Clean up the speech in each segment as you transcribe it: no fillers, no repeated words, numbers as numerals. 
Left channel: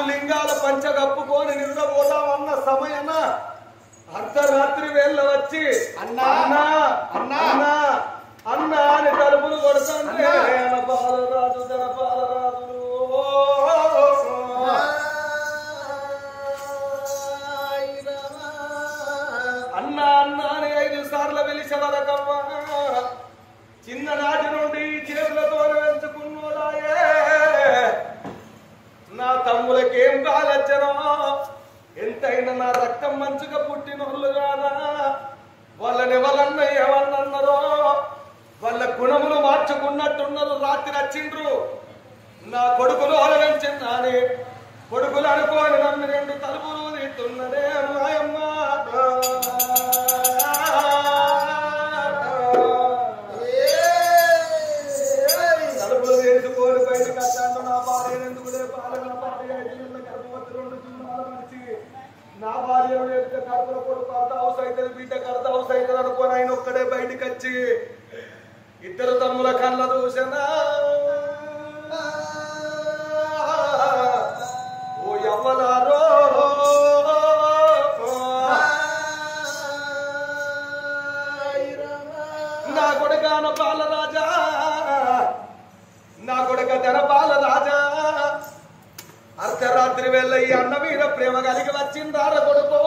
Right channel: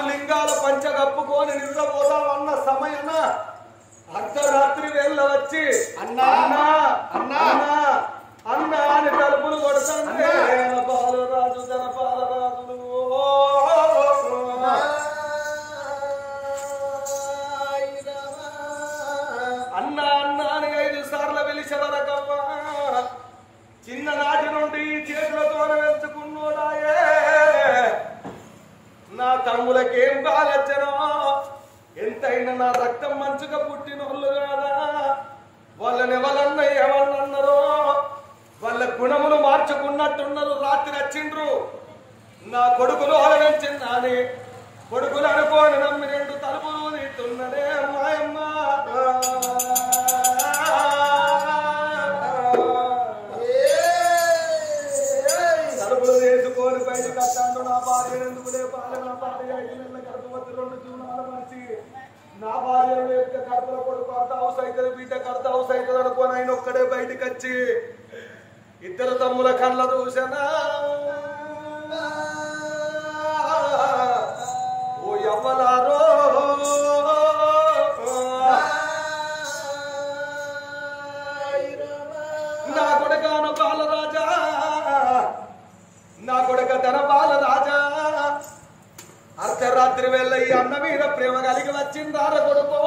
ఆరు లింగాల పంచ కప్పుకొని నిద్రపోదామన్న సమయన అర్ధరాత్రి వేళ వచ్చి అన్నా అన్నా అన్నా అన్నా అని తలుపులు కొడుతుంటే బాలరాజు జన బాలరాజులు అన్నా అన్నా అని 5 సార్లు పిలిచే వరకవ్వ చిన్ననాటి నుండి చేతులతో వెంచుకున్నాడాయే నా తమ్ములకేం కాలచ్చనో ఎంతైనా నా రక్తం మంచిగా పుట్టినోళ్ళు కాదా వాళ్ళని ఎవరన్నారో వాళ్ళ గుణములు మార్చుకున్నట్టున్నారు రాత్రి వచ్చిండ్రు నా కొడుకులు ఆలరించిందని కొడుకులు అనుకోని నమ్మి 2 తలుపులు తీస్తున్నదే అమ్మాయమ్మ తలుపులు వేసుకొని బయటకు వస్తాను నా భార్య ఎందుకులే పాలన భార్య 5 నెలల గర్భవతి 2 జీవనాల మనిషి నా భార్య లేకపోతే కడుపుల కొడుకు అర్ధ హౌస్ అవుతుంది బిడ్డకు అర్ధ హౌస్ అవుతుంది అనుకోని ఆయన ఒక్కడే బయటకు వచ్చి 2 తమ్ముల కళ్ళ చూసనా ఓ ఎవ్వలారో నా కొడుకాన బాలరాజా నా కొడుక ధన బాలరాజా అర్ధరాత్రి వేళ ఈ అన్న మీద ప్రేమ కలిగి వచ్చిందార కొడుకో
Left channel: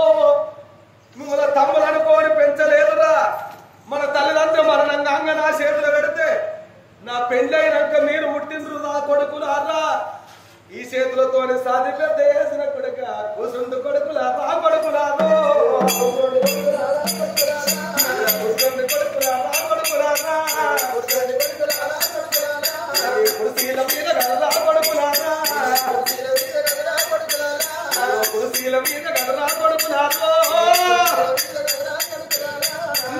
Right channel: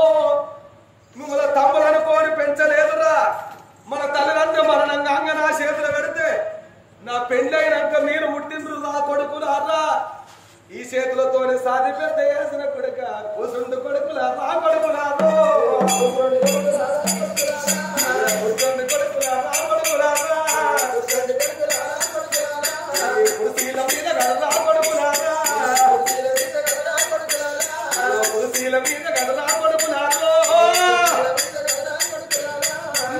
మిమ్మల్ని తమ్ములు అనుకోని పెంచలేదురా మన తల్లిదండ్రులు మరణంగా నా చేతులు పెడితే నా పెళ్ళైనాక మీరు ముట్టిండ్రు నా కొడుకులారా ఈ చేతులతోనే సాది పెద్ద వేసిన కొడుక కూసుండు కొడుకులారా కొడుకులారో కొడుకులారా కుర్చీల మీద గడరా కొడుకులారా కుర్చీల మీద గడరా కొడుకులారో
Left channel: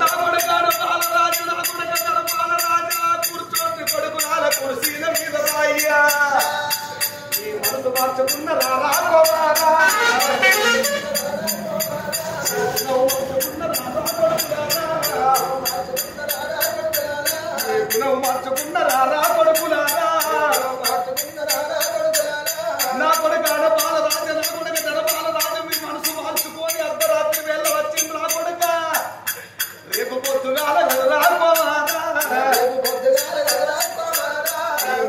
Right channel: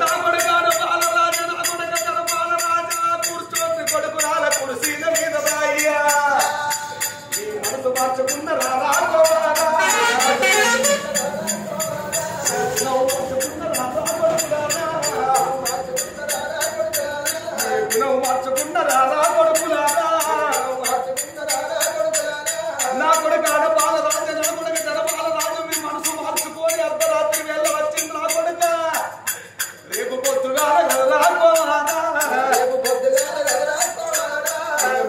నా కొడుకాన బాలరాజు నా కొడుక తన బాలరాజా కూర్చోండి కొడుకులాల కుర్చీల మీద రాయ్యా ఈ మనసు మార్చుకున్న రారా కోవాలా మార్చుకున్న రారా కొడుకులారా గుణం మార్చుకున్న రారా కొడుకులారా నా కొడుకాన బాలరాజు నా కొడుక తన బాలరాజు మీ మనసు మార్చుకొని అర్ధరాత్రి వేళ వచ్చింది నా కొడుక రేపు పొద్దుగాల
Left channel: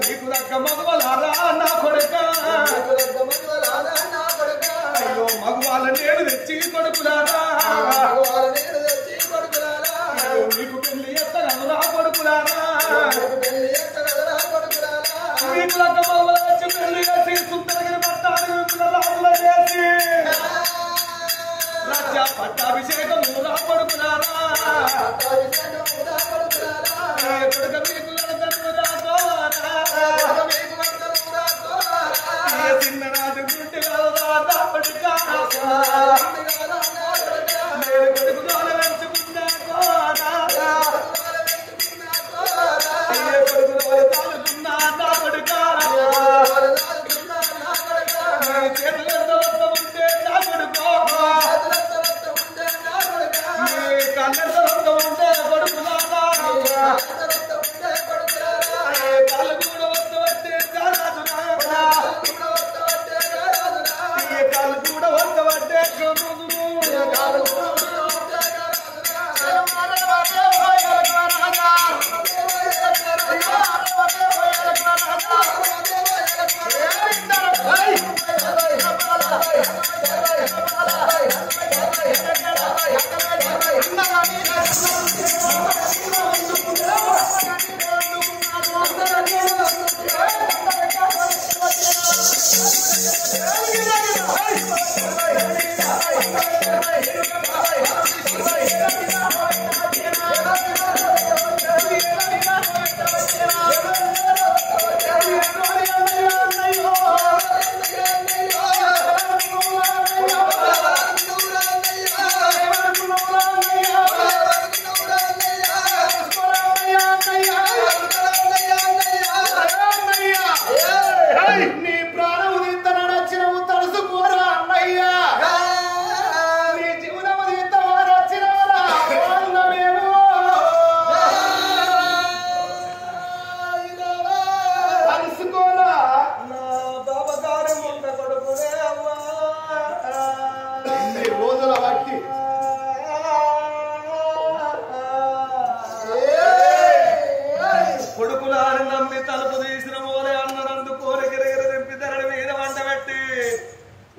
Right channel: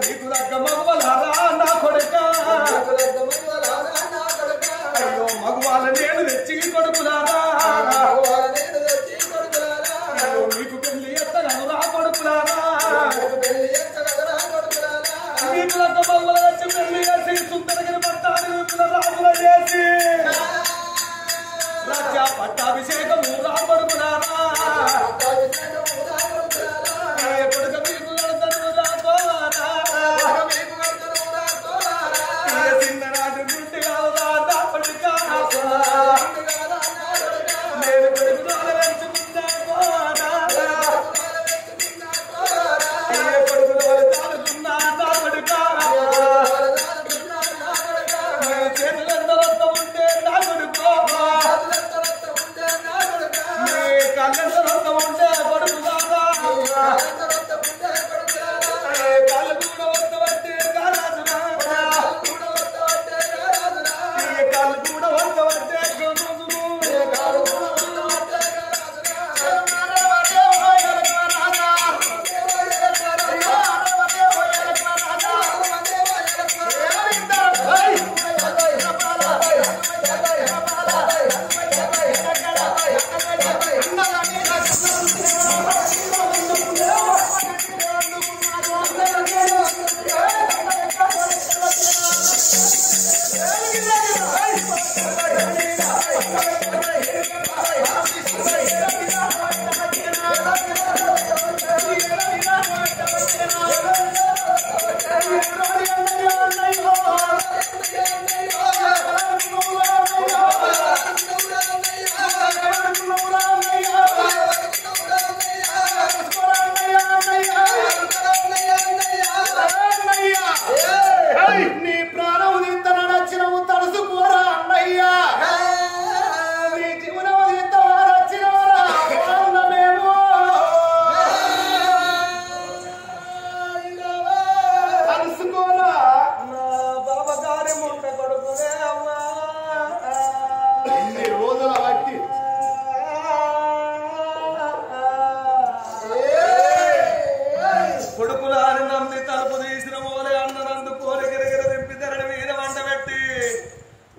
నీకు దగ్గ మగవలారా నా కొడుక అయ్యో మగవాళ్ళ నేను తెచ్చి కొడుకులారా మీకు పెళ్లి ఎత్తగలరా కొడుకులారా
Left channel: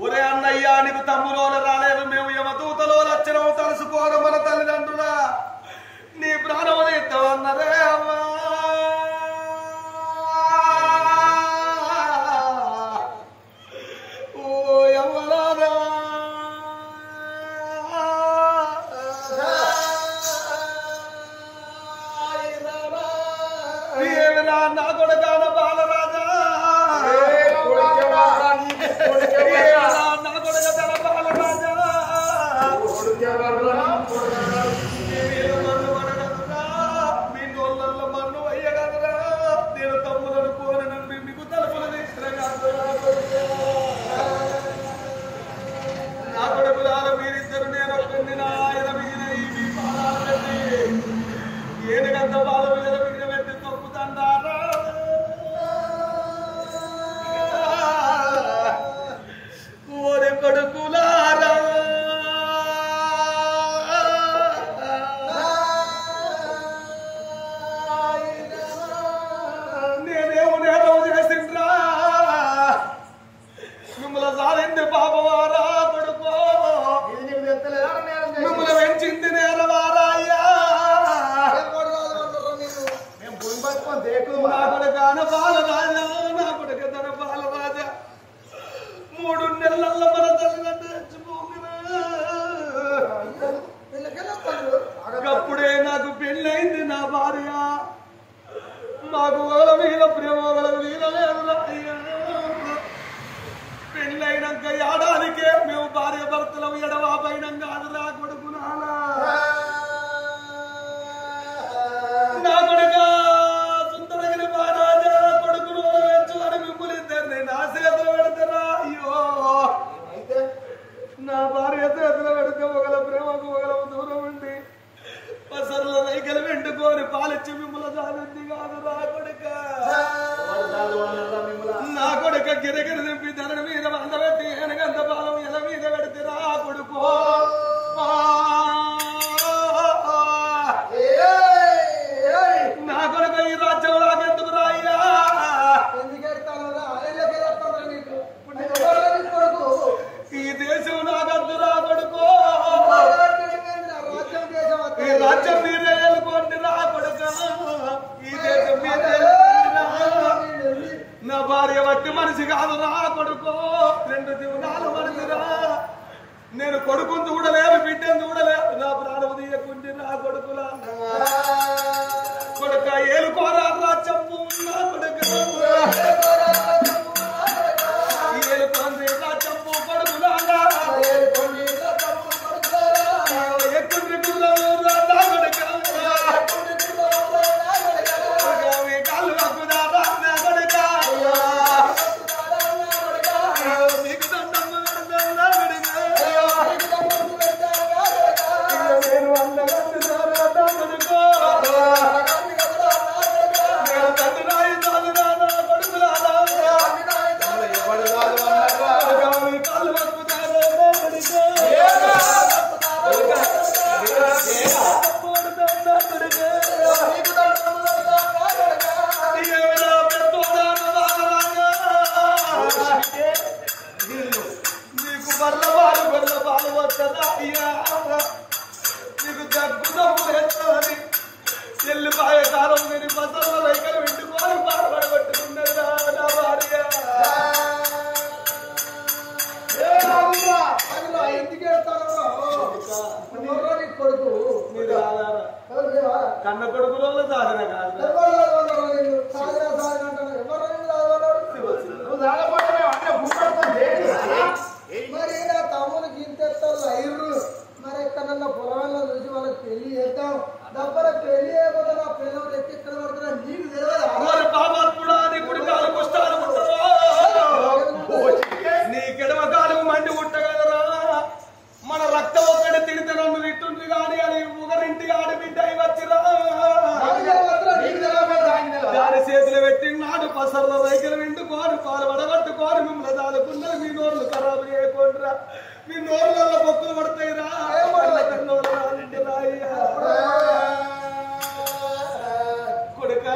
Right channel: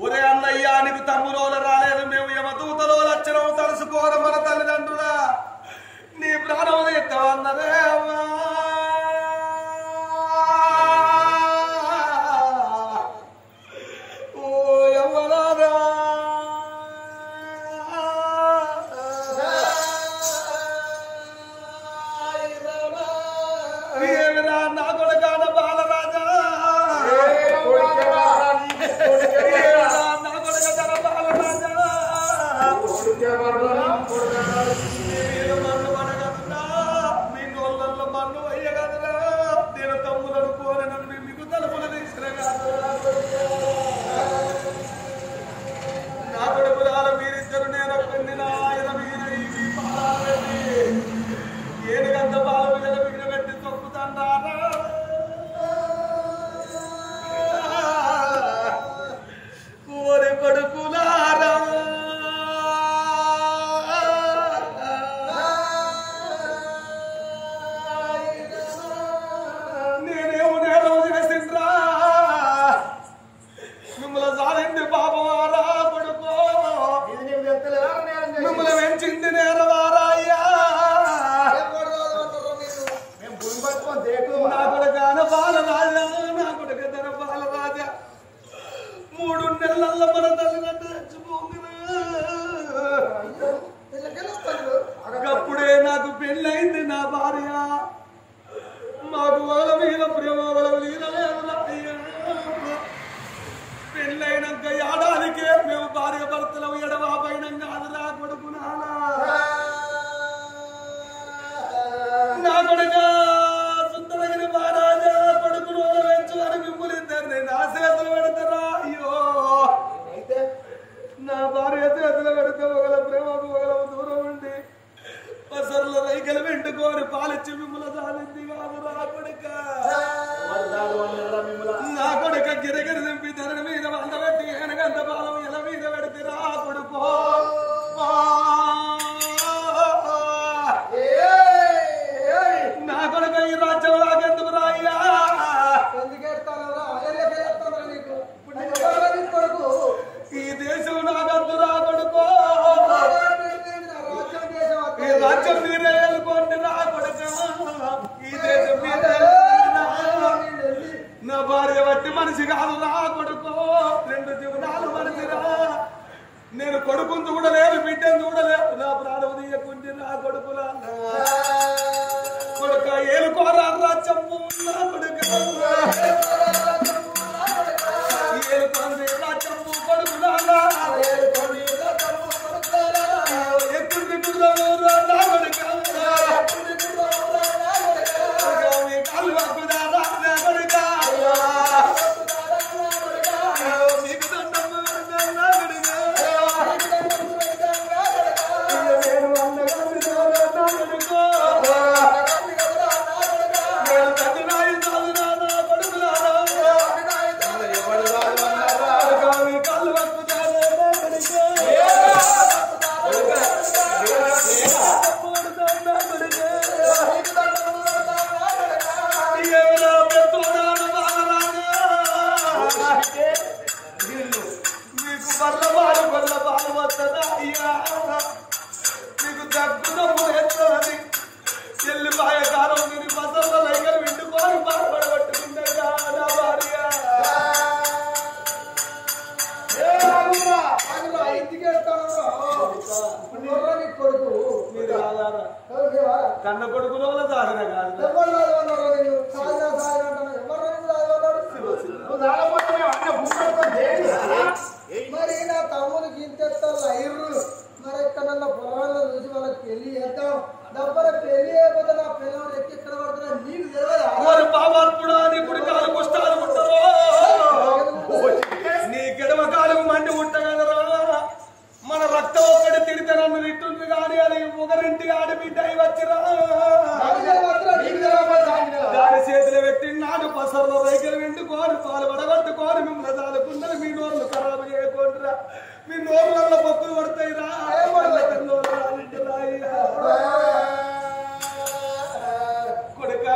ఒరే అన్నయ్యా నీకు తమ్ములోన రాలేదు మేము యమదూతలో లక్షణం తలుసుకోవడం మన తల్లిదండ్రులా నీ ప్రాణం తీస్తామన్నదే అమ్మా ఓ యవ్వనారా ఏమిరా నా కొడుకాన బాలరాజా నా కొడుక తన బాలరాజా మన్ను అనగలరా మీ నోళ్ళల్లో మన్ను అయ్యగలరా నేను తమ్ములను కోరి నమ్మి మీకు తలుపులు తీసిన కాదు నా కొడుకులాల మీరిద్దరు నేను పెళ్లి ఆయన మీద ఈ పాలాలండి ఏనుగంత బాల మీద పెట్టి తొక్కుతారా కోరి కొడుకులారా నేనేమో నేరం చేసిండ్రా మిమ్మల్ని సాధింది పాపవారా కొడుకో మిమ్మల్ని పెంచింది నేరవారా అయ్యా నా కొడుకాన బాలరాజా నా కొడుక తన బాలరాజా 3 నెలల్లో మన తల్లిదండ్రులు చచ్చిపోకురా అప్పుడే నాకు పెళ్ళైంది నా భార్య మాకు వాళ్ళ మీద ప్రేమ వాళ్ళ మీద లేదురా అయ్యా పెళ్ళైనాక ఏడాదికే మేము భార్య భర్తలం ఎడవాపైనం కాదురా కొడుకు నా కొడుక సుందరగిరి మహారాజా కొడుకును వెంచు అని మిమ్మల్ని ఇద్దరిని నా చేతులు పెడతారా అయ్యో నా భార్య చేతులు పెడితే ఒకల ప్రేమకు ఒకల దూరం ఉండి పసర్ల రైకలు వెంటుకొని పాలిచ్చి మిమ్మల్ని సాధింది కాదు నా కొడుక నా కొడుక గిరగిరి దింపి ధరణ మీద వందబెట్టి వెనకంత బాలం ఎల మీద పెడితే రా కొడుకో నా కొడుక ఈ రాజ్యం లాగెందుకు రాయ్యా ఈ దేశం నాగద్దు రా కొడుకో ఈ రాజ్యం మీరే వెళ్ళుకోండి రా కొడుక ఈ దేశం మీరే నా భార్య బట్టి మనిషి కాదు నా కొడుకో 2 జీవనాలు మనిషిరా నేను కొడుకుని చూడలేదు బిడ్డను చూడలేదు నా ప్రాణం తీయకుండి నా కొడుకులా కొడుక ఏలుకోరా రాజ్యము నా కొడుక ఏలుకోండి రాజ్యము కొడుకులాగా ఎక్కుండి కుర్రాలు నా కొడుక కాళ్ళు వక్కుదారా నా కొడుక మీకు దండం పెడతా నా కొడుక నేను వందలంది కొడుకో తండ్రి కాదు నా కొడుకులారా కాళ్ళు వక్కుతారా నా కొడుక నీకు బర్లవాడు బర్లపాలు వస్తుందా అయ్యా నీకు దగ్గున్నప్పుడు వచ్చావని చెల్లిపాయ కాలం నేను పసర్ల లైకలు వింటుకొని బాధపడగొట్టుకున్నాడా నా భార్య కొడుకు కన్న కొడుకులో సాధన కాదు మరి నా తమ్మునికి ఇంతెత్తలు అయ్యరు మరి ఎక్కడన్నా పొలాల్లో చూసి వాళ్ళకి పెళ్లి చేద్దాం దబ్బర పెళ్లి చేయకపోతే నా పిల్లలు ఎక్కిక్కడ పడుతున్నా నీకు తెలియదు పాపాత్ముడా నీ కుడికాలు పుష్టాలు ఉంటావా నీ కిడమ కాలు మండి ఉంటగలరా మన రక్తం ఒక్కటి తిడితే నన్ను తిట్టుంది కానీ అని ఒకరింటి ఆడబిడ్డ వచ్చిరా దాని చేతులు పెట్టి నాడు పసర్లో దగ్గర విండుకోని పాలు వడగట్టుకోని మిమ్మల్ని దాదుకున్నది మీ నోర్లు ఖరాబు చేయకుండా మీ నోర్లలో పొక్కులు పడతాయి రా కొడుక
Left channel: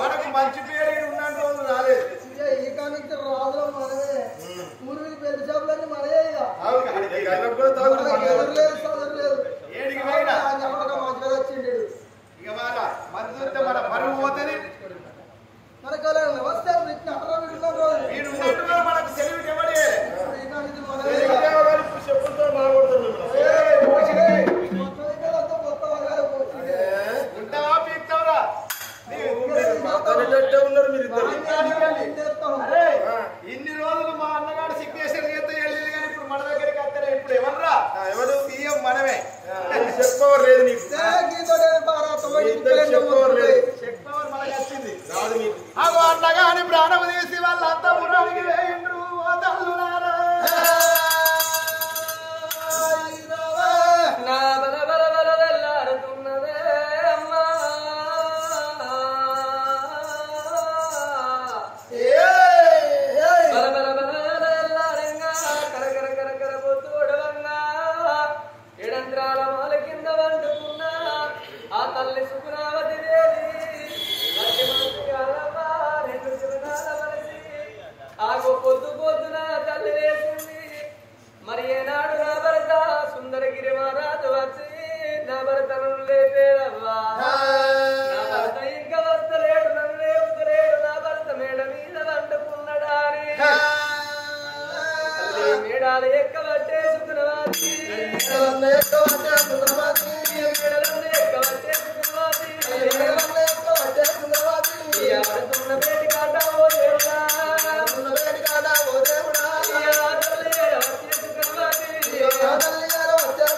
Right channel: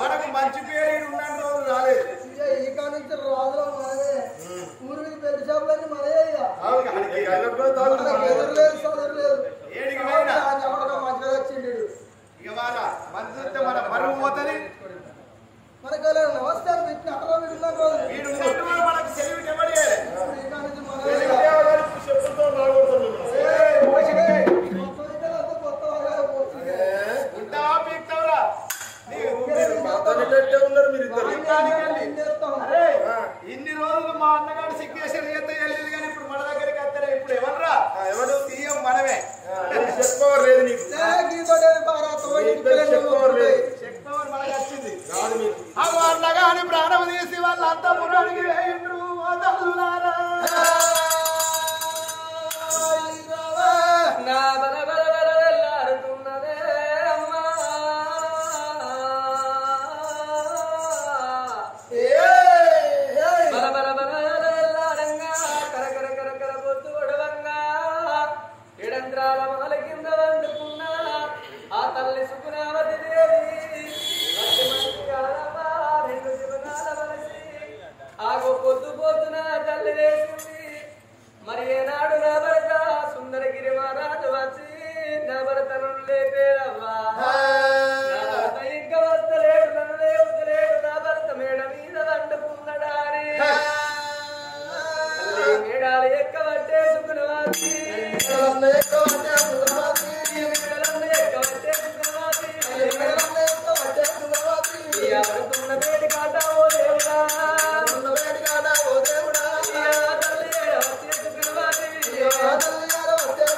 మనకు మంచి పేరు ఉన్న రోజు రాలేదు. ఈ కానికి రాజులో మనమే ఊరి మీద పెద్ద చేపలన్నీ మనయే మంచిగా వచ్చిండు. ఇక మన పరువు పోతుంది. మనకు నమస్తే పెట్టిన అక్కడ వీడున్న రోజు వీడు మనకు సెలవు ఇవ్వడే. ఈ కానికి చెప్పులతో ఉంటావా పీక్తావురా ఉన్నారు మీరు ఇద్దరు. ఇన్ని రోజులు మా అన్నగారు సిగ్నేచర్ చేస్తే వెళ్ళింది కానీ ఇప్పుడు మన దగ్గరికి వస్తారా? ఇప్పుడు ఎవర్రా? ఎవరు సీఎం మనమే. చెప్పుకోవర్ లేదు నీకు, చెప్పుకోవర్ లేదు. చెప్పుకోవర్ మనకి వచ్చింది రాదు మీకు. అగో అన్నగాని ప్రాణం తీసి వాళ్ళంతా పురానికి వేయండ్రు. పొద్దు పొద్దున తల్లి వేసింది. మరి ఏనాడు నా భర్త సుందరగిరి మహారాజు వచ్చి నా భర్తను లేపేదవ్వా నా భర్త ఇంకా వస్తలేడు నన్ను లేపుతలేడు నా భర్త మేడ మీద వండుకున్నాడా అని మేడాలు ఎక్కబట్టే సుఖనవాసి మేడలను ఎక్కబట్టే సుఖనవాసి భర్తున్న వేడి కాట ఓ దేవుడా వచ్చే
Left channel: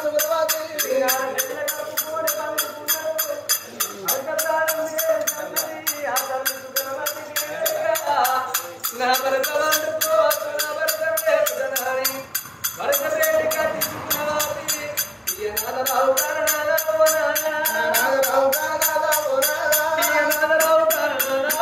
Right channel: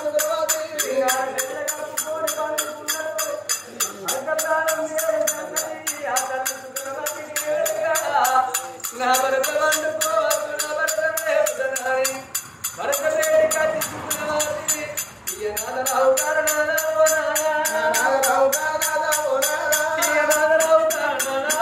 సుఖనవాసి నా భరత వండుకోవచ్చు నా భరత లేపుదనాని భరత వేడి కాటి సుఖనవాసి నాదరావు కారణాల ఓ నాదరావు కారణాల ఓ నాదరావు కారణాల ఓ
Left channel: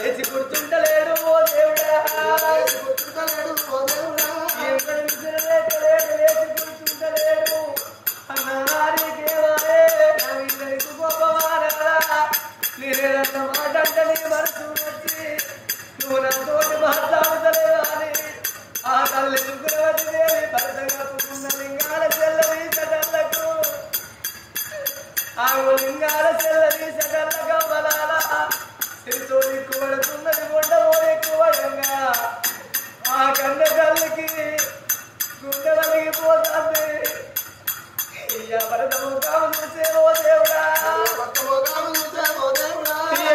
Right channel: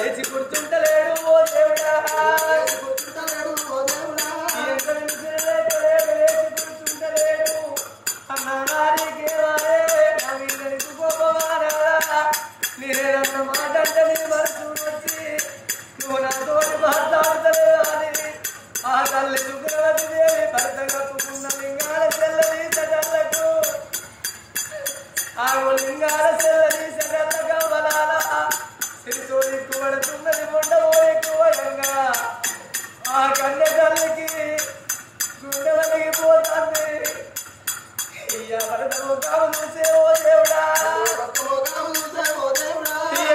లేచి గుర్తుంటలేడు ఓ దేవుడా లేచి గుర్తుంటలేడు అన్నారికేవాయే నా వీళ్ళనికి గొప్పవారా నేనేదన్న మాట అంటే నీ మనసు వచ్చి నువ్వు నాతోటి మాట్లాడతలేదా అని ఆ తల్లి సుగ్రవతి దేవి భర్త కప్పుకున్న లింగాల చెల్లని సటళ్లకు ఆ లింగాల చెల్లని సటళ్ళ కవ్వలాల సిరితో ఎక్కువడుతున్నది ఉండవో ఎక్కువడంగా ఆ కన్నె తల్లికి గుండె వలిగిపోతుంది భరతము కాము చూసే ఓ దేవుడా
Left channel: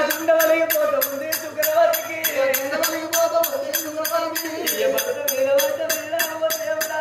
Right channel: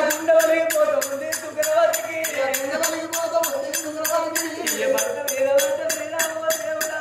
గుండె వలిగిపోతుంది సుగ్రవతికి భర్త మీద వంట మీద ఓ దేవుడా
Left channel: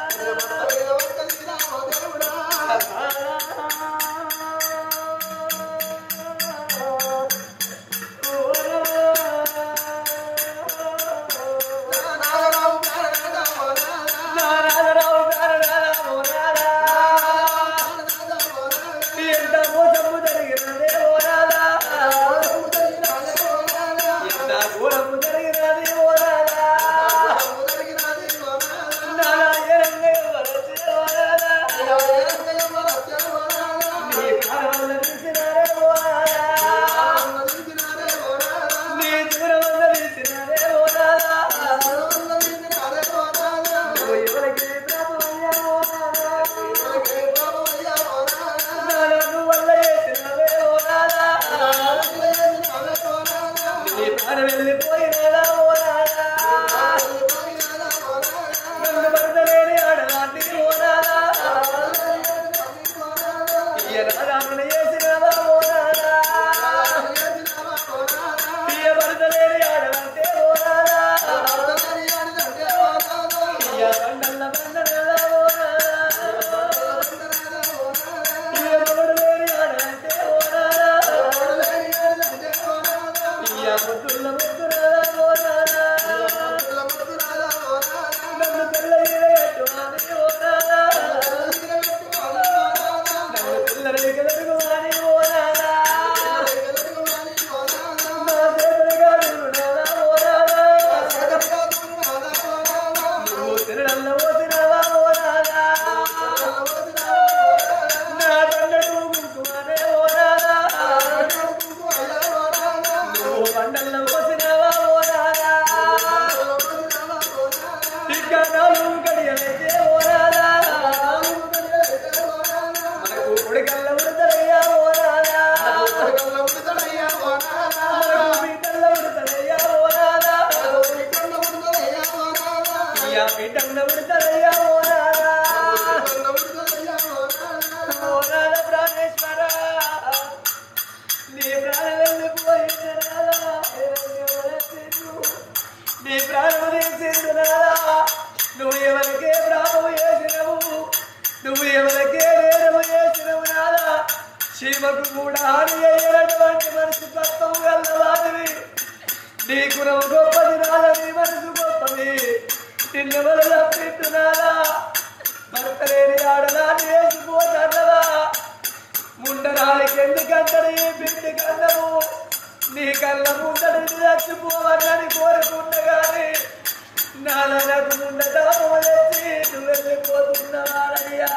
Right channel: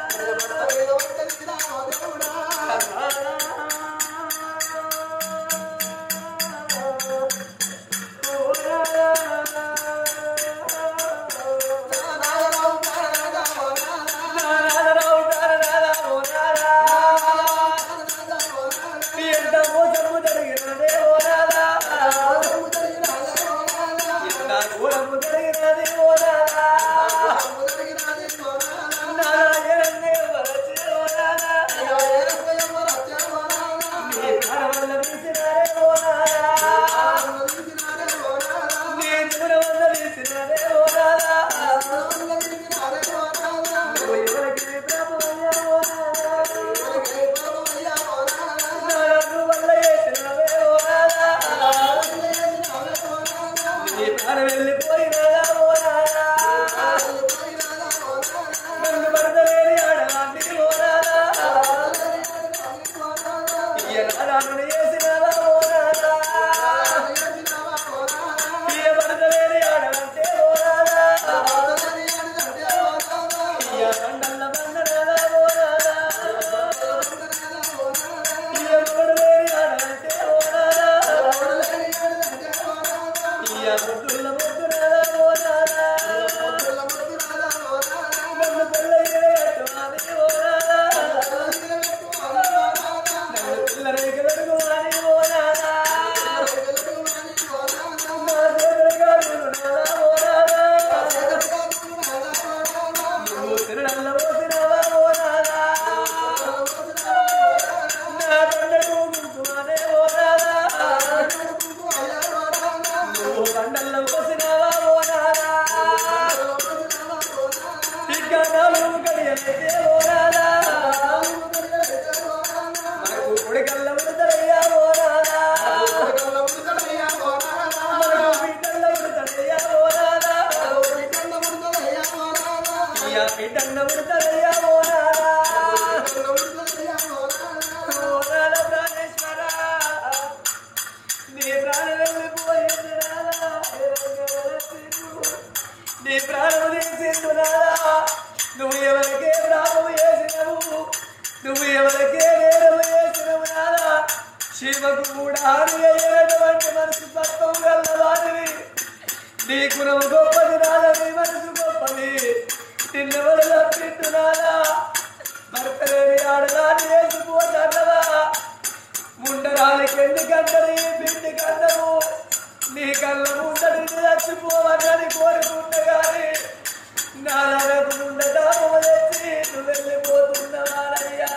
వెళ్ళిపోయినదా ఓనాదా నన్ను భర్తలేని ఆడదాన్ని ఓనాదా ఈయనాదాను చేసినదా ఓనాదా ఈయ భర్తలేని ఆడదంటే ఓనాదా ఈయ బండల్ల బండనదా ఓనాదా ఈయ మొగడు లేని ఆడదంటే ఓనాదా ఈయ ముద్దుల ముద్దునదా ఓనాదా నన్ను పెళ్ళయ్యేట్టు అని ఓనాదా నన్ను పిల్లలకి వెలుగువాని ఓనాదా నా చేతులుగా నాదా ఓనాదా నువ్వు తినడల్ల పోసినవా ఓనాదా నా తండ్రి గుంకుమనే ఓనాదా నువ్వు బండల్ల పోసినవా ఓనాదా ఇంకా నాలుగు గడియలైతే ఓనాదా మనకు ఉడకల్ల ఉడతలయ్యా ఓనాదా మనకు బిడ్డల్ల ఉడతలయ్యా ఓనాదా ఇయ్యా బిడ్డన్న ఉడతలయ్యా ఓనాదా ఓనాదా ప్రాణేశ్వర నీ ప్రాణం వెళ్ళిపోయిందనాదా నీ ప్రాణము తీసిండు నాదా నువ్వు ఎవరికే ప్రాణము చేసినవు నువ్వు ఎవరికే నేరము చేసినవు నాదా శివకు కూడా హాని అయ్యేటటువంటి మనసు తత్వం గల్లవాడివి నీ కులం గొప్పది నాలా నీ మనసు గొప్పది తిన్నవల పెట్టునాలా భర్త లేని ఆడలా నేసిపోతానవా ముండరాలకి ఎందుకంటది బిడ్డ కన్నము నీ కళ్ళ ముందడి చచ్చిపోవన్నని కోరుకుంటగాని నాలకు ముండ దాపము తెచ్చి నువ్వు వెళ్ళిపోతున్నవారయ్యా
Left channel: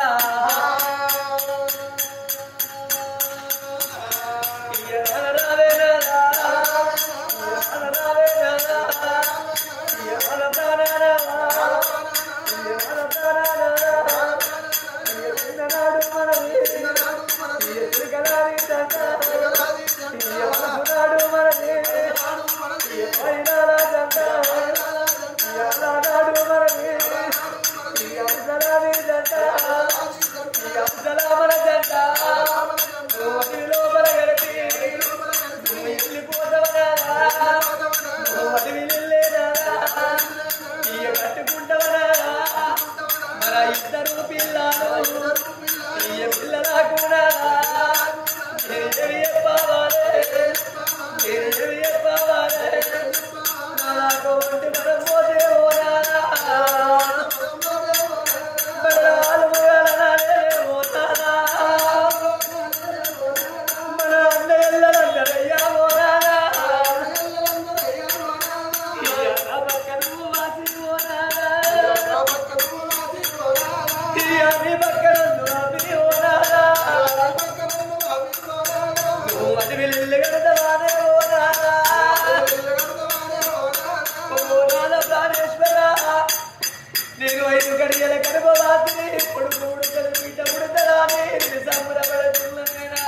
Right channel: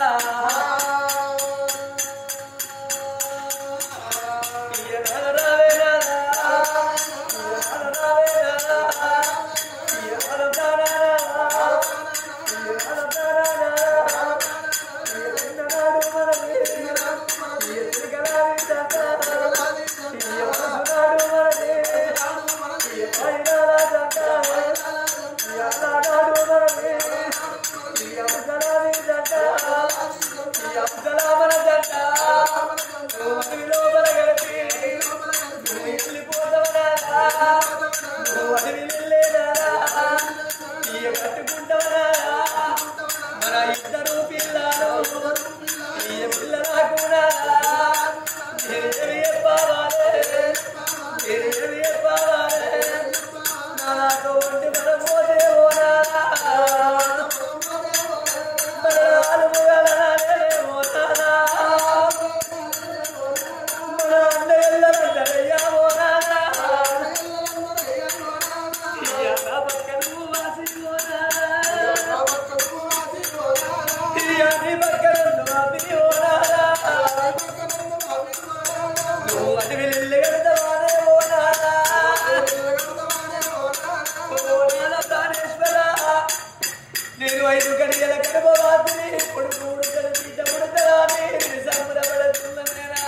నేను 5 గడియల గర్భవాసిని ఇప్పుడు 3 కలిపి ముడతరాని సంబరపడుతున్ననేనా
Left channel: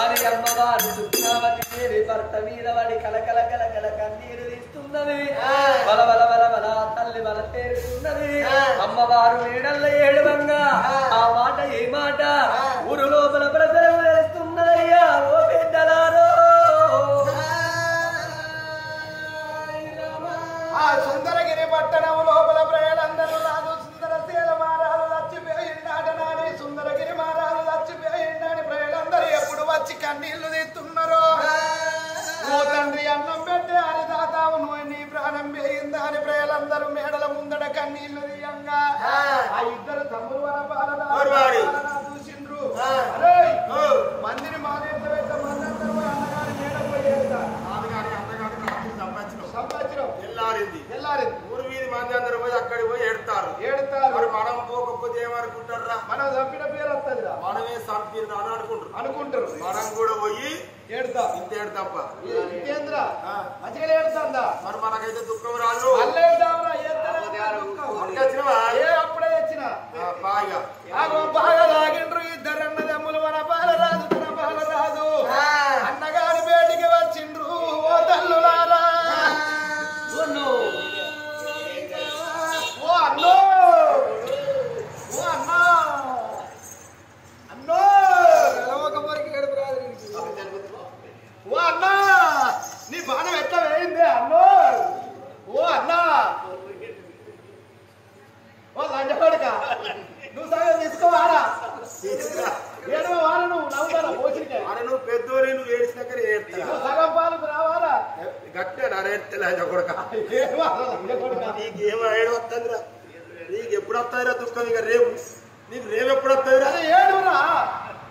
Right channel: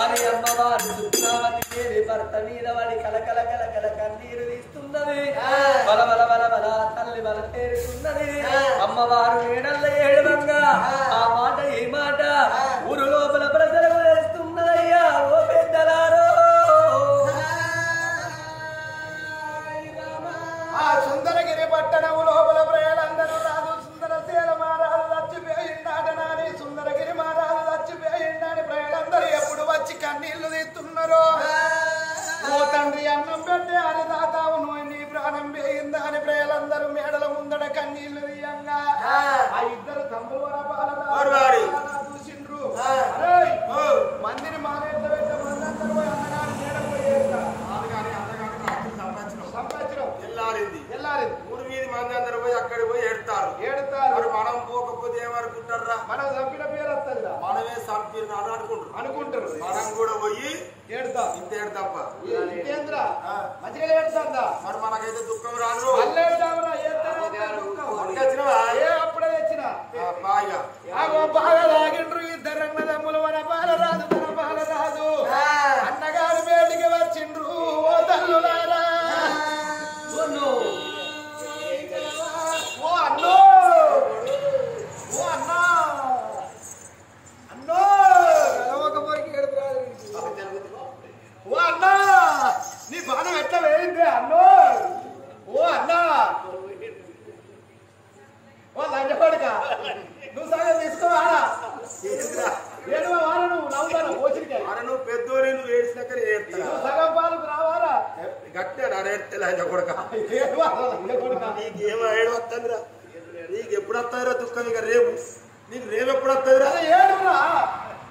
అని అమ్మవారు సుప్నావతి దేవి భర్త మీద వాడి కలకల కలకల కన్నీరు తీస్తున్నది బల బల బల బల తల్లి బల తేరుతున్నది అమ్మవారు మేడల్ల ఏడవంగా ఆ మాట ఏ మాట ఊరు లోపల ప్రజలకు తెలుస్తున్నదయ్యా ఓ పెద్దలారో ఆ సుందరగిరి పట్టణం లోపల ప్రజలందరూ రాదు సుందరశీల మారాలు చచ్చిపోయిందాటనాని సుందరగిరి మారాలు చచ్చిపోయిందని ప్రజలందరూ ఎప్పుడు వచ్చి కన్నీళ్లు తీస్తున్నారు ఓ తండ్రి అన్నం పెట్టే హరిదాతావు నువ్వు నీ ప్రాణం పోయిందా అని ప్రజలందరూ మేడల ముందట కన్నీళ్లు తీయంగా ఆ ఇద్దరు తమ్ముడు చూసిండ్రు మందిని మానేట్ల పెట్ట మందందరూ పోయి అన్నగారి మేడ పోయేస్తారు సంవత్సరం ఎల్లారింది ఊరి వీధి మంది అందరూ పోయి అక్కడికి పోయి ఏడతారు మరి మనం పోకపోతే ఏమనుకుంటారా మనం చంపిన పేరు వస్తుంది మనమే చంపిన అని అనుకుంటారు మనం కూడా పోయి ఏడుతాం ఇంత ఏడతాప్ప ఇంకేంద్ర మంచిగా ఏడుతుందా మరి మనకైతే దుఃఖం రాదు అప్పుడే తెచ్చిన బాగా తాగిండ్రు ఇద్దరు అన్నదమ్ములు మన బాలరాజు తన బాలరాజు అన్నగారి వేడికి వచ్చిండ్రు ఓ తల్లులారా ఓ అన్నో ఓ అన్నా అన్నో ఓ అన్నా నీ బాణం ఎట్లా వేయింది అన్నో ఓ అన్నా ఓ లంచపడక నువ్వు సగం తీసుకోవారా ఏడవ వారా నువ్వు నవ్వుతారా పోసిరికే అరే నువ్వు పెద్దోని నువ్వు ఏడ్చినాక ఏడుతా సగం పాలకు రావారా గట్టే నరేస్తే లంచ కొడక నీకు ఏమో ఏడు వస్తుందిరా నీకు ఎప్పుడు వస్తుందిరా దుఃఖం ఇక రేపు నీకు రేపు ఎప్పుడు వస్తుందిరా ఏడురా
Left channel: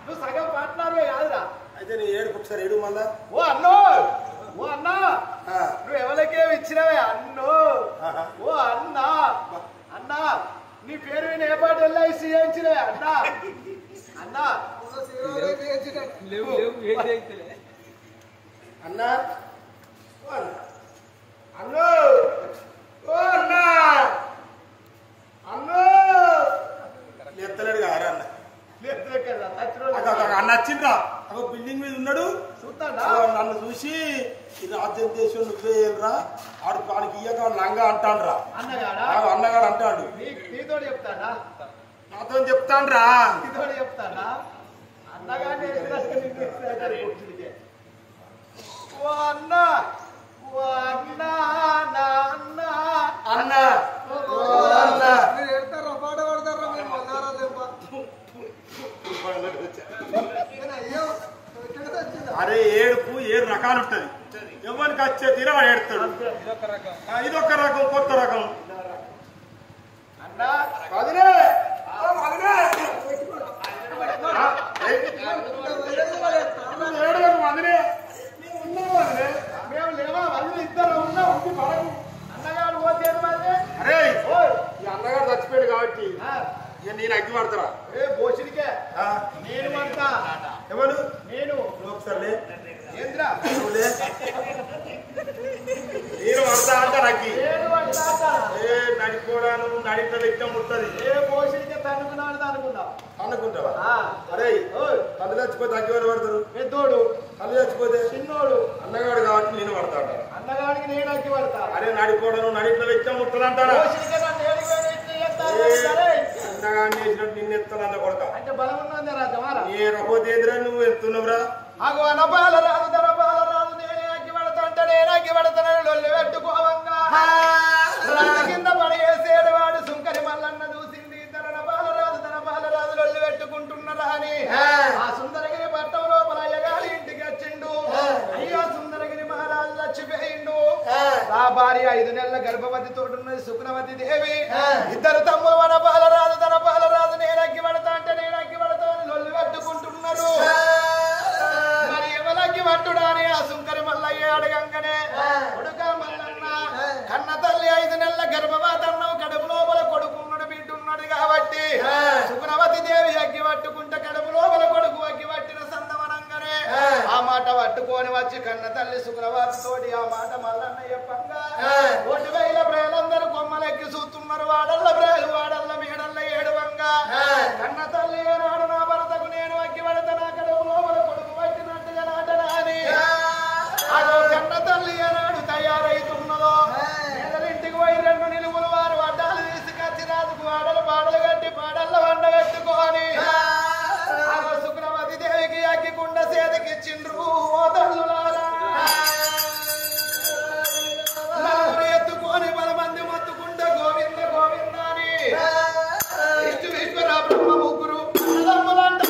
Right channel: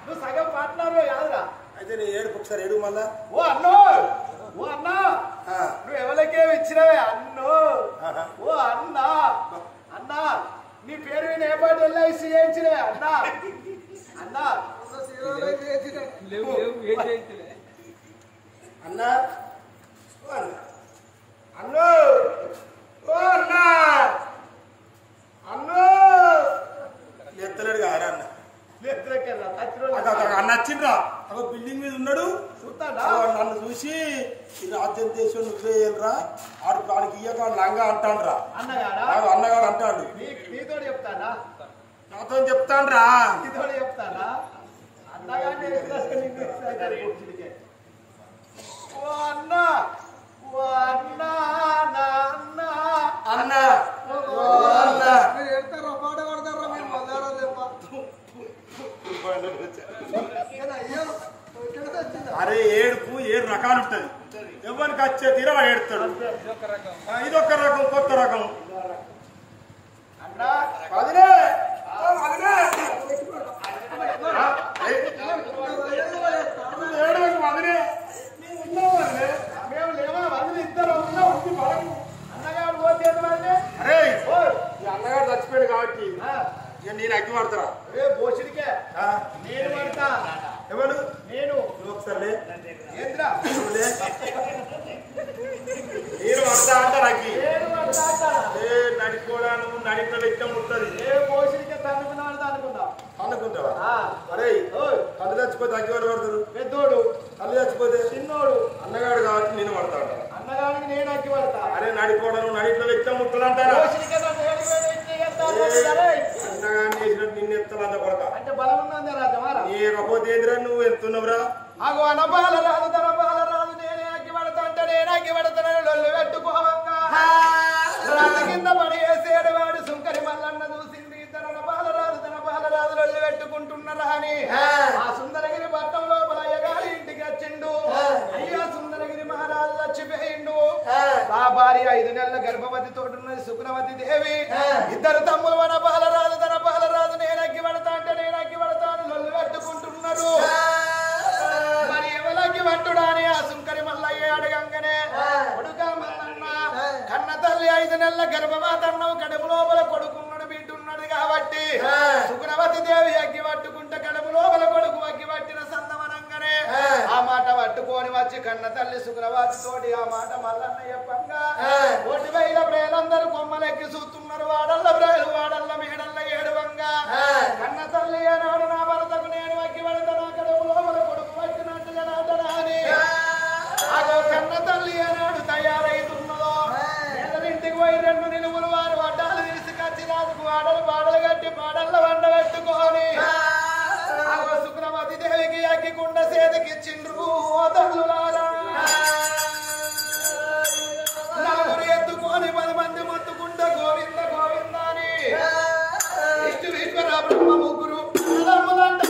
నువ్వు సగం పాటలాడే కాదురా అయితే నీ ఏడుపు ఒకసారి ఏడు మళ్ళా ఓ అన్నో ఓ అన్నా నువ్వు ఎవరికేమి ఇచ్చినవే అన్నో ఓ అన్నా అన్నా నీ పేరు విని ఏ పాట వెళ్ళి చేయించినవే అన్నా అన్నా అన్నా అన్నో ఓ అన్నా అన్నో ఎత్తలేడు కారా అన్న అన్న అన్న వచ్చిండ్రా ఒక బిల్డింగ్ మీద ఉన్నాడు చూస్తాడా నన్ను చూసి ఈ రాజ్యం దేశం నువ్వే వెళ్ళరా ఆడు వాడికి ఇయ్యక లంగా అంటాండ్రా అన్నగాడా అన్నగాడు అంటాడు నీతో చెప్తాడా నాతో చెప్తాండ్రా నీతో చెప్తాడా అన్నగానే ఓ అన్న ఓ అన్న నా అన్న అన్న మీరు ఎడతారా పాట పడతారా మీరు మొదలారా దెబ్బ అరే ఏడుపు 7 రకాలు ఉంటది ఎవరికి వచ్చే తీరా వాడు ఏడుతాడు. ఇదొక రకం, కొత్త రకం. అన్నా వదిలే ఏడవకు వదిలే, మేము ఉన్నాం వదిలే, మేము లేవా వదిలే, ఇద్దరు ఉన్నా ఉంది పడకు. అన్నగారు పోతేది వదిలే. అరే ఈ అన్నగారు చచ్చిపోయాడు కాబట్టి ఇక నేను అగ్గి పడతారా? ఏ బోసిడికే నేను పడతా. ఎవరు? నేను. నువ్వు ఒకసారి ఏంద్రా నువ్వులే, నేను పడతా అంటారు అగ్గి. నేను పడతా. ఏ నడిపోడా, నువ్వు నడిట్లో ఇష్టం ఉంటుంది. ఏ బోసిడికే తన్నుకున్నాడు అనుకున్నావు అనుకుంటావా? అరే కళ్ళు చచ్చిపోతే అగ్గి వాడు పడతారు. పెద్దోడు కళ్ళు చచ్చిపోతే చిన్నోడు. అన్నగాడు కాబట్టి నేను పడతాడు. అన్నగానికి నేను అగ్గి పడతా. అరే నడిపోడా, నువ్వు నడిట్లో ఇష్టం ముట్టలు అంటారా? అన్నగాడిని వేసినట్టు నిన్ను ఎత్తాలంట కొడతా. అంటే బలం ఉన్నది రా జమారా. ఏకపోతేంద్రా నువ్వు ఎత్తున్నావురా? అగో అనపాల రాదు తన పాల రాదు, నేనే అగ్గి పడతా అంటే నేను అగ్గి పడతానని లొల్లు పెట్టుకోవంగా రాత కింద పడి వేసేడు వాడు సుంకరి మల్లన్న చూసింది. తన పాల రాదు తన పాల రాదు లొల్లు పెట్టుకుంటున్నారా అని ఆ సుందరగిరి పట్టం లోపల అయ్యగారి ఇంటికి వచ్చిండు. అయ్యో సుందరగిరి మహారాజు చచ్చిపోయిండు. ఆ భార్య 5 నెలల గర్భవతి తోడున్నది సుకునవతి దేవి. ఇద్దరు తమ్ములు మన పాలరాజు తన పాలరాజు నేను అగ్గి పడతా అంటే నేను అగ్గి పడతా అని లొల్లు పెట్టుకుంటున్నారు. మరి ఎవలకి పట్టుడాని ఆ సుంకరి మల్లయ్య అడగంగానే కొడుక మల్లన్న కన్న తల్లి 5 నెలల గర్భవతి అన్నవు, కడుపు లోపల కొడుకున్నాడు బిడ్డున్నాడు కాబట్టి సుకునవతి దేవి అగ్గి పట్టుకుంటే కడుపు లోపల కొడుకు అగ్గి పట్టిన సందమనంగానే ఆ మాట పట్టుకొని వచ్చి కన్న తల్లి సుకునవతి తోటి ఆ మాట మల్లన్న చెప్పంగా 1,000 ప్రేలందరూ కొమ్మలెక్కి చూస్తున్నారు. వాడల్ల ప్రేలు వాడల్ల మేడల్ల ఏడువంగా కన్న తల్లి ఏనాడు నా భర్తకు నేను అగ్గి పడతా, నా కడుపు లోపల కొడుకు పట్టినట్టుగా నాటనా అని అదో కన్న తల్లి ఏనాడు తయారైతున్నదో ఇంటికి పోయి 2 నిలువులు వారు వడ్డాలు తీసుకొచ్చి రాజుకు వాడలు పాడలు కట్టి పాడల్ల వండ పెట్టుకొని సుకునవతి దేవికి అగ్గికుండ చేతికిచ్చిండ్రు. ఓ తల్లులారా నలుగురు ఎత్తుకొని 10 మంది మొత్తుకుంటే గోవింద గోవింద అని విష్ణు బ్రహ్మ ముగ్గురు అన్నదమ్ములంట.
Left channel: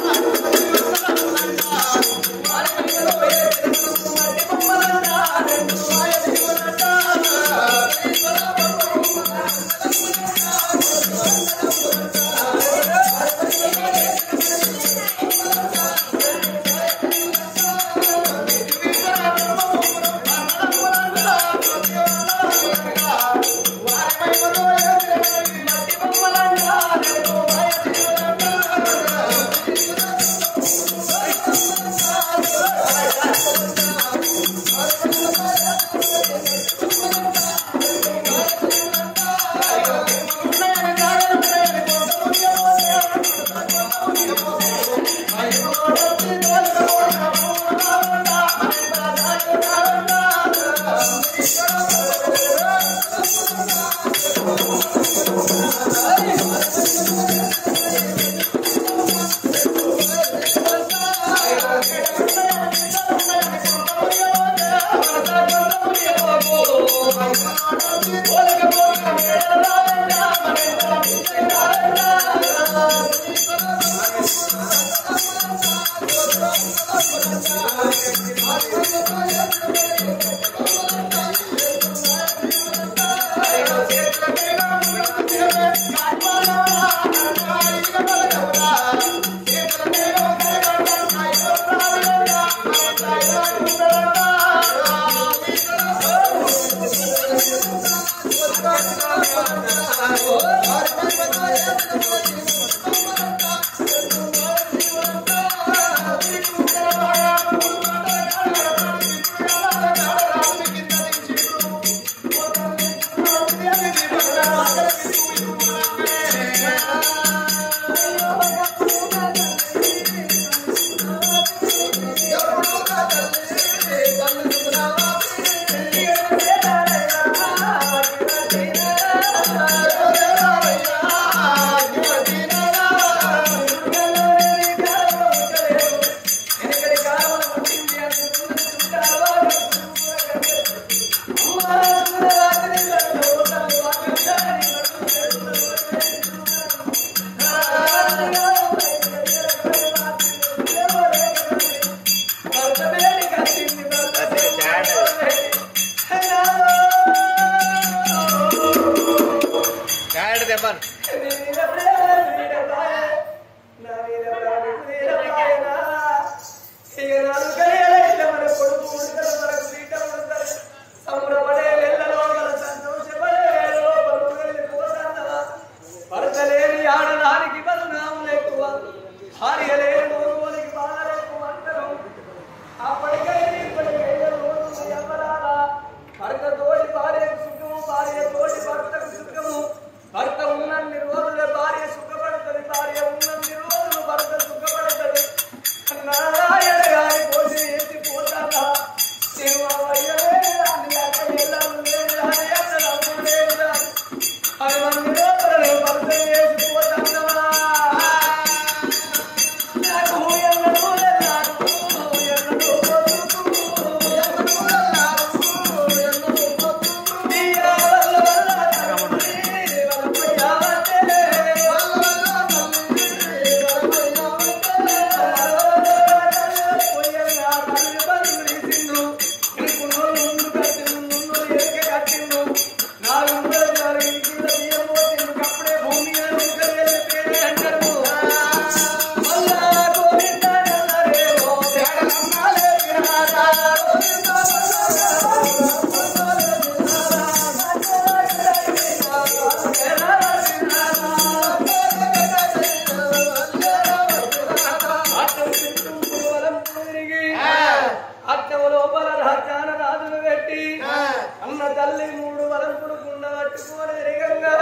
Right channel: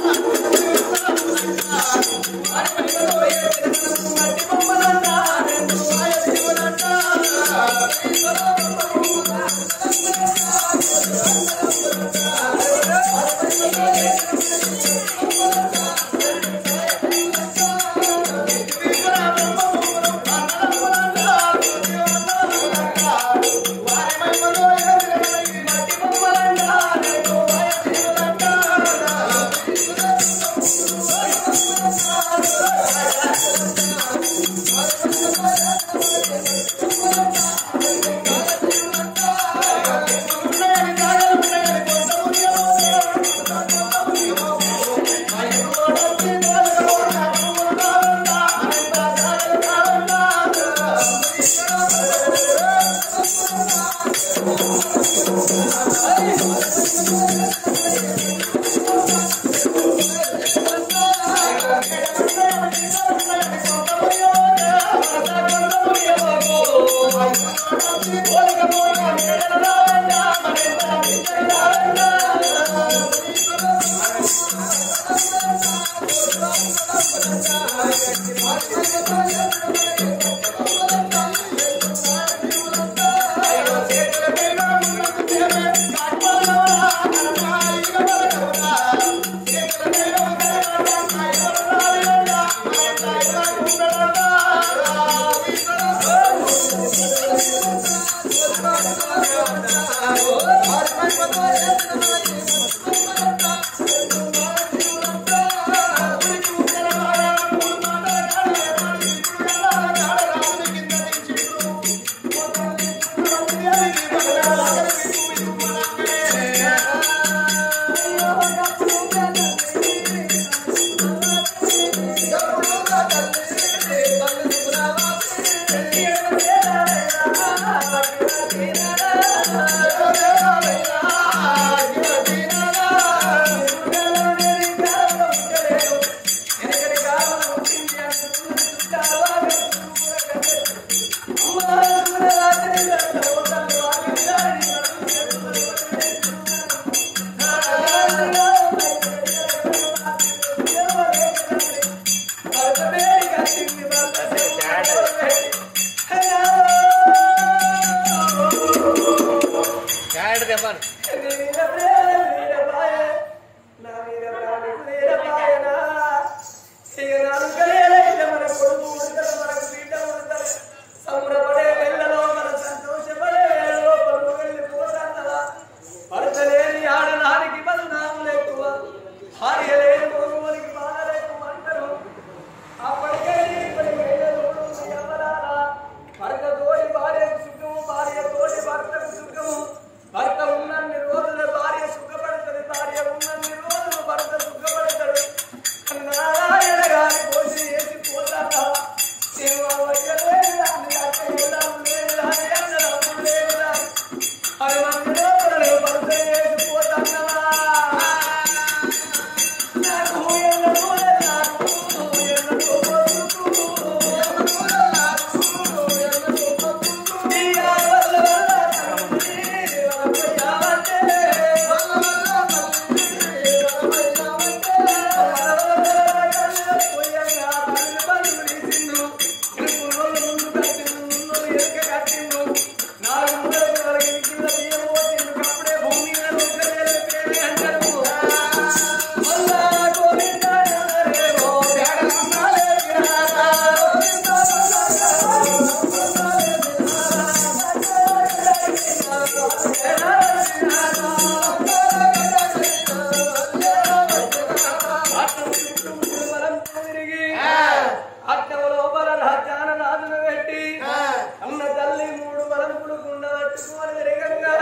పట్టుకోని తిరగంగా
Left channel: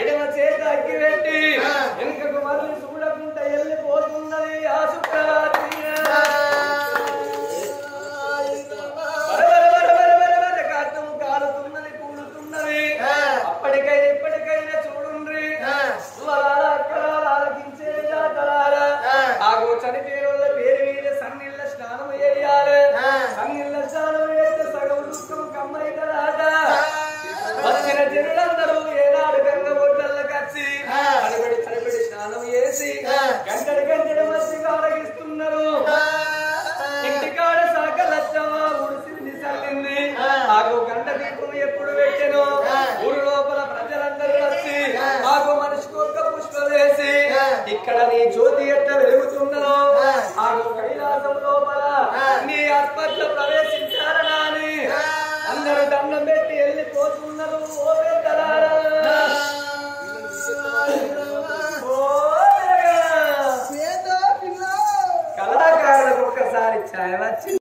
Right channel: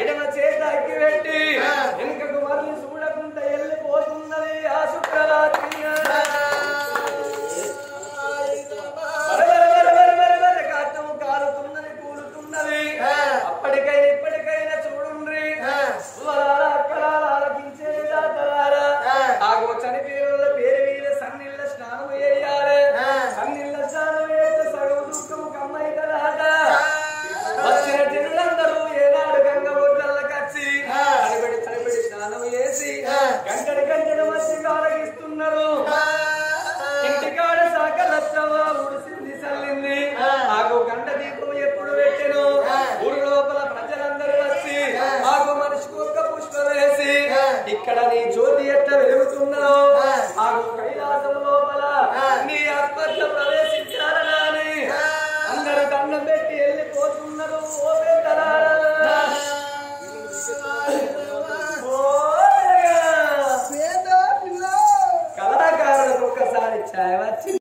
ఎడమ చేత అగ్గి పెట్టి వెనుకకు మళ్ళీ చూడకుండా వెళ్ళిపోతున్నది ఆ శుక్రరాత్రి కాటము కాలుతున్నది కూలుతున్నది అప్పటికైనా ఇప్పటికైనా చూడుండ్రి అక్కడ ఆలకించేది దాతలారా ఆగో చనిపోయిన పేరు మీద సన్నిళ్ళ స్నానం వేయాలి సన్నిళ్ళ స్నానం వేస్తే సగం దుఃఖం కమ్మై కదా వచ్చిన జనులందరూ ఏనాడు గంగ ఒడ్లల్లో కచ్చి తడిబడి స్నానం చేసి గంటడి మధ్యగా ఆరగిస్తున్నారు ఇంటికాడ సాకలచ్చవా ఉడిసింది చల్లింది ఆగో గంట దీపం ఎప్పుడు పెట్టెను ఊరు లోపల ప్రజలందరూ వచ్చి ఆగో మనిషికి ఒక్క పుష్పం వేసి ఇక్కడ నీ జ్యోతి ఎట్లా వెలుగుతున్నదో ఆగో కైలాసం లోపల నీ ఆత్మట్లో ప్రవేశించాలని అందరూ దండం పెట్టి వెళ్ళిపోతున్నారు ఓ పెద్దలారా కళాకారులకు ఒక్కసారి ఛాయ వచ్చి